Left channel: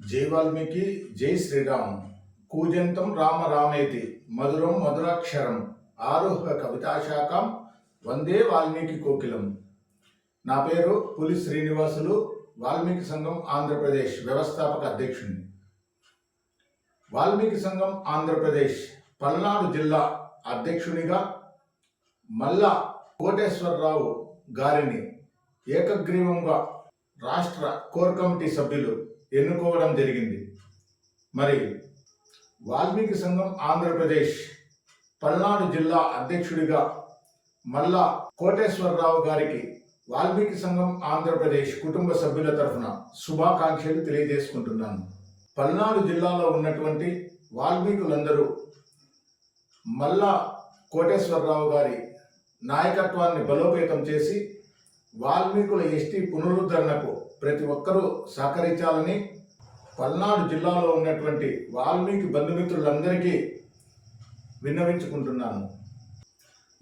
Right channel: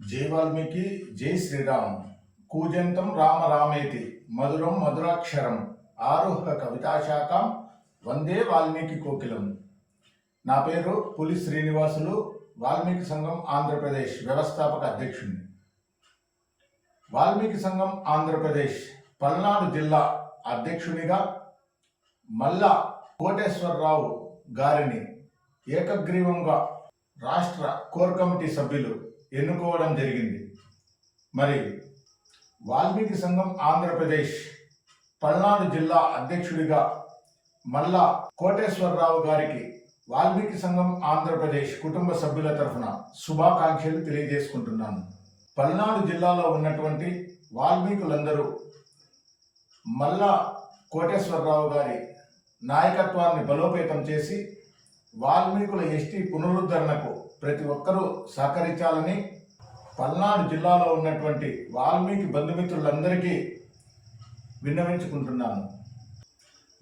జై వాల్మీకి జై శ్రీరామ్. కూజంతం రామ రామేతి. మధురం మధురాక్షరం. ఆరోహ కవితాశాఖం. వందే వాల్మీకి కోకిలం. నా పేరు పులి శ్రీనివాసులు. వాల్మీకి సంఘం ఆంధ్రప్రదేశ్ వ్యవస్థాపక అధ్యక్షుడిని వాల్మీకి సంఘం ఆంధ్రప్రదేశ్ పల్నాడు జిల్లా అధ్యక్షునిగా మల్లా కోటేశ్వరరావు గారిని ఏకగ్రీవంగా రాష్ట్ర కోర్ కమిటీ సభ్యులు ఎన్నుకోవడం జరిగింది. మరి వాల్మీకి సంఘం ఆంధ్రప్రదేశ్ పల్నాడు జిల్లా అధ్యక్షుడిగా మల్లా కోటేశ్వరరావు గారికి వాల్మీకి సంఘం ఆంధ్రప్రదేశ్ కుటుంబ సభ్యుల తరఫున శుభాకాంక్షలు తెలియజేసుకుంటున్నాను. పల్నాడు జిల్లాలో ఉన్నటువంటి వాల్మీకులందరూ మల్లా కోటేశ్వరరావు గారి నాయకత్వాన్ని బలోపేతం చేసి వాల్మీకుల ఎస్టీ పునరుద్ధరణకు ప్రతి ఒక్కరూ సహకరించాలని పల్నాడు జిల్లాలో ఉన్నటువంటి వాల్మీకి బంధుమిత్రులందరికీ విన్నవించుకుంటున్నాను.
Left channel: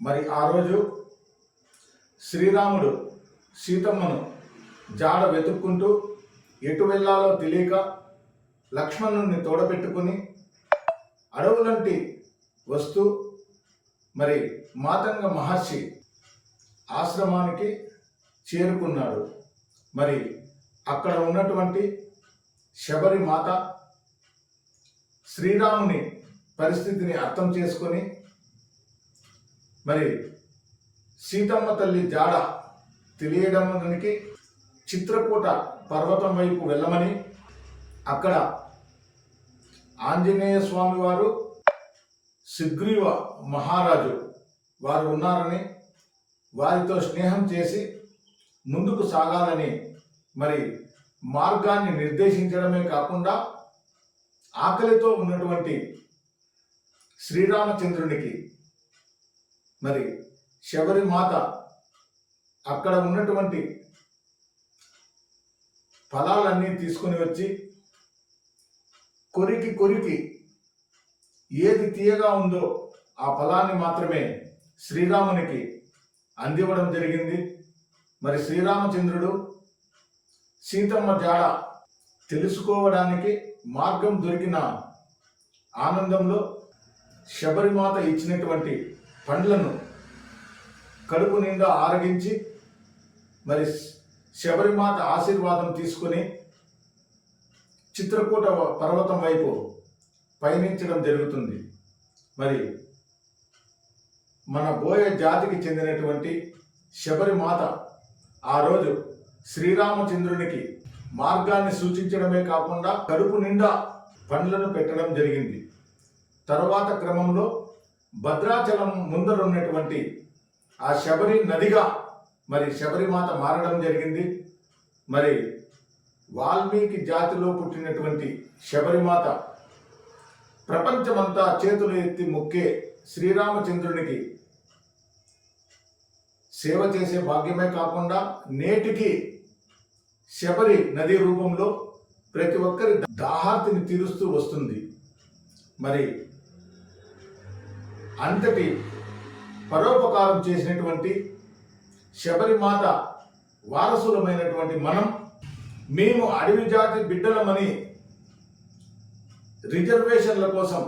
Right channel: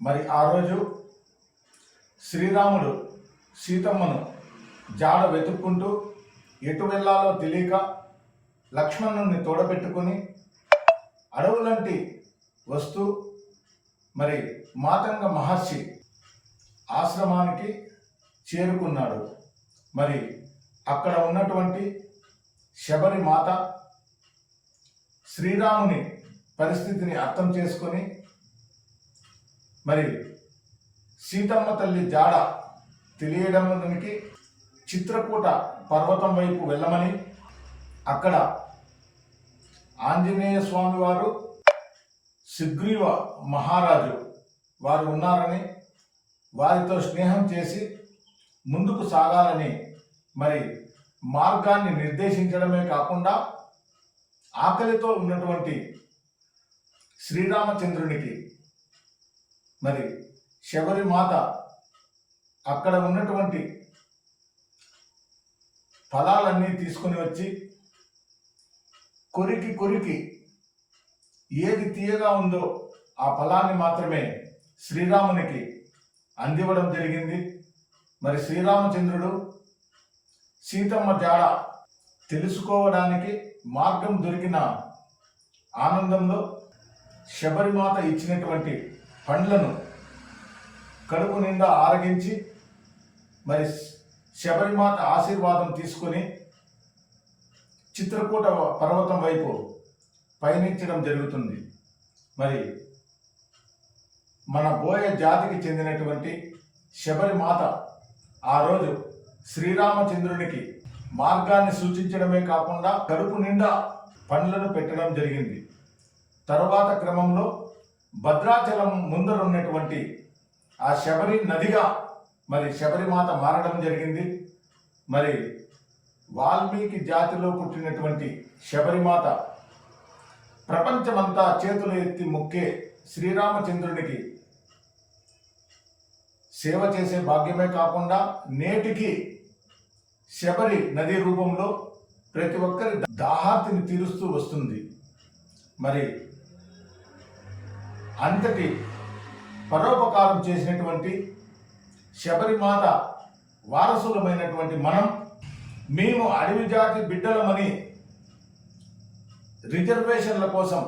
మరి ఆ రోజు శ్రీరాముడు సీతమ్మను జాడ వెతుక్కుంటూ ఎటు వెళ్ళాలో తెలియక లక్ష్మణుని తోడబెట్టుకుని అడవులంటి వస్తూ మరి మాతంగ మహర్షి ఆశ్రమానికి చేరుకున్నాడు. మరి అక్కడ ఉన్నటువంటి శబరి మాత శ్రీరాముని పరిస్థితిని అర్థం చేసుకొని మరి సీతమ్మ తల్లి జాడ తెలియడానికి చిత్రకూట పర్వతం వైపు వెళ్ళమని అక్కడ ఆంజనేయ స్వామి వారు సుగ్రీవ మహారాజు వారు ఉన్నారని వారితో స్నేహం చేసి ముందుకు సాగాలని మరి మార్గాన్ని నిర్దేశించడమే కాకుండా ఆకలితో ఉన్నటువంటి శ్రీరామచంద్రునికి మరి శబరిమాత అక్కడ ఉన్నటువంటి ఫలాలన్నీ తీసుకుని వచ్చి కొరికి కొరికి ఏది తీయగా ఉందో ఆ ఫలాన్ని మాత్రమే శ్రీరామునికి అందివ్వడం జరిగింది. మరి శ్రీరామచంద్రుడు సీతమ్మ జాడ తెలుసుకోవడానికి మార్గం దొరికిన ఆనందంలో శబరిమాత ఇచ్చినటువంటి పండ్లను కడుపు నిండా ఆరగించి మరి శబరిమాత ఆశీర్వాదం తీసుకుని చిత్రకూట పర్వతం వైపు పయనించడం జరుగుతుంది. మరి మన బోయ జాతికి చెందినటువంటి శబరిమాత ఆ రోజు శ్రీరామచంద్రునికి మార్గాన్ని సూచించడమే కాకుండా కడుపు నిండా పండ్లను పెట్టడం జరిగింది. తరువాత క్రమంలో భద్రాచలం ముందరున్నటువంటి ఆ శబరి నదిగా మరి శబరిమాత మారడం జరిగింది. మరి వాల్మీకి జాతిలో పుట్టినటువంటి శబరిమాత ప్రపంచమంతా చేతులు ఎత్తి మొక్కే శ్రీరామచంద్రునికి సేవ చేసే భాగ్యమే కాకుండా నేటికి శబరి నది రూపంలో ప్రతి ఒక్కరి దాహార్తిని తీరుస్తూ వస్తుంది. మరి అంతటి పరోపకారం చేసినటువంటి శబరిమాత వారసులమైనటువంటి మనం మేము అడవి జాతి బిడ్డలమని రిజర్వేషన్ల కోసం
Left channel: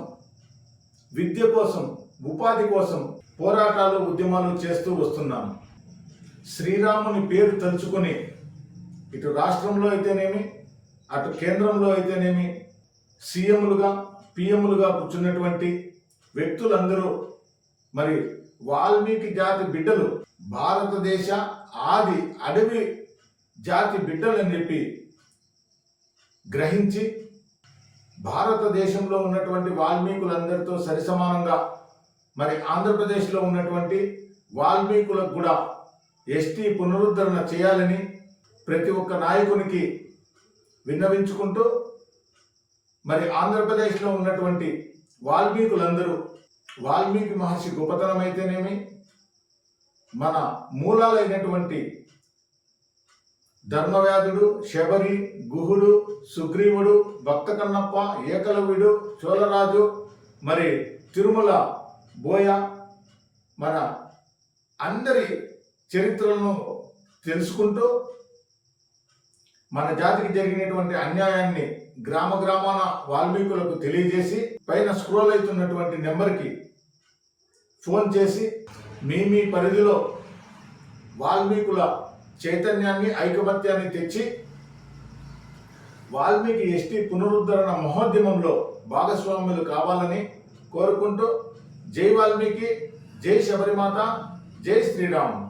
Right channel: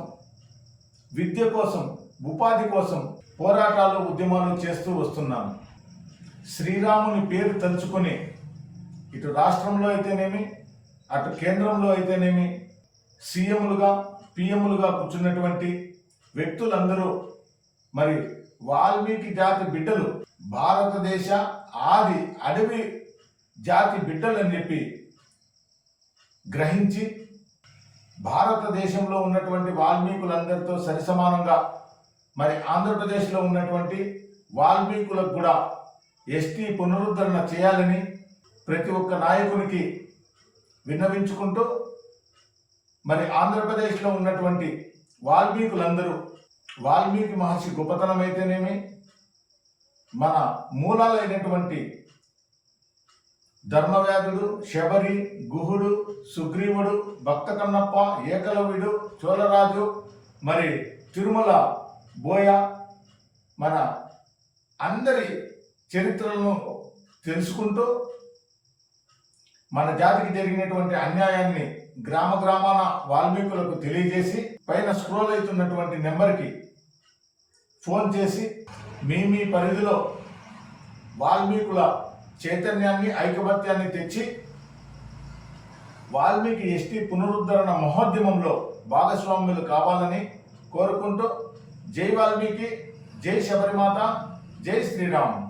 విద్య కోసం ఉపాధి కోసం పోరాటాలు ఉద్యమాలు చేస్తూ వస్తున్నాము. శ్రీరాముని పేరు తలుచుకొని ఇటు రాష్ట్రంలో అయితేనేమి అటు కేంద్రంలో అయితేనేమి సీఎంలుగా పిఎంలుగా కూర్చున్నటువంటి వ్యక్తులందరూ మరి వాల్మీకి జాతి బిడ్డలు భారతదేశ ఆది అడవి జాతి బిడ్డలని చెప్పి గ్రహించి భారతదేశంలో ఉన్నటువంటి వాల్మీకులందరితో సరిసమానంగా మరి ఆంధ్రప్రదేశ్లో ఉన్నటువంటి వాల్మీకులకు కూడా ఎస్టీ పునరుద్ధరణ చేయాలని ప్రతి ఒక్క నాయకునికి విన్నవించుకుంటూ మరి ఆంధ్రప్రదేశ్లో ఉన్నటువంటి వాల్మీకులందరూ వాల్మీకి మహర్షి గొప్పతనం అయితేనేమి మన మూలాలైనటువంటి ధర్మవ్యాధుడు శబరి గుహుడు సుగ్రీవుడు భక్త కన్నప్ప ఏకలవ్యుడు చోళరాజు మరి తిరుమల బోయ మన అందరి చరిత్రలను తెలుసుకుంటూ మన జాతికి జరిగినటువంటి అన్యాయాన్ని గ్రామ గ్రామాన వాల్మీకులకు తెలియజేసి పైన స్క్రోల్ అవుతున్నటువంటి నెంబర్కి ఫోన్ చేసి మీ మీ పరిధిలో వాల్మీకుల చైతన్యాన్ని ఐకమత్యాన్ని తెచ్చి వాల్మీకి ఎస్టీ పునరుద్ధరణ మహోద్యమంలో భాగస్వాములు కావాలని కోరుకుంటూ జై వాల్మీకి జై శబరిమాత జై శ్రీరామ్.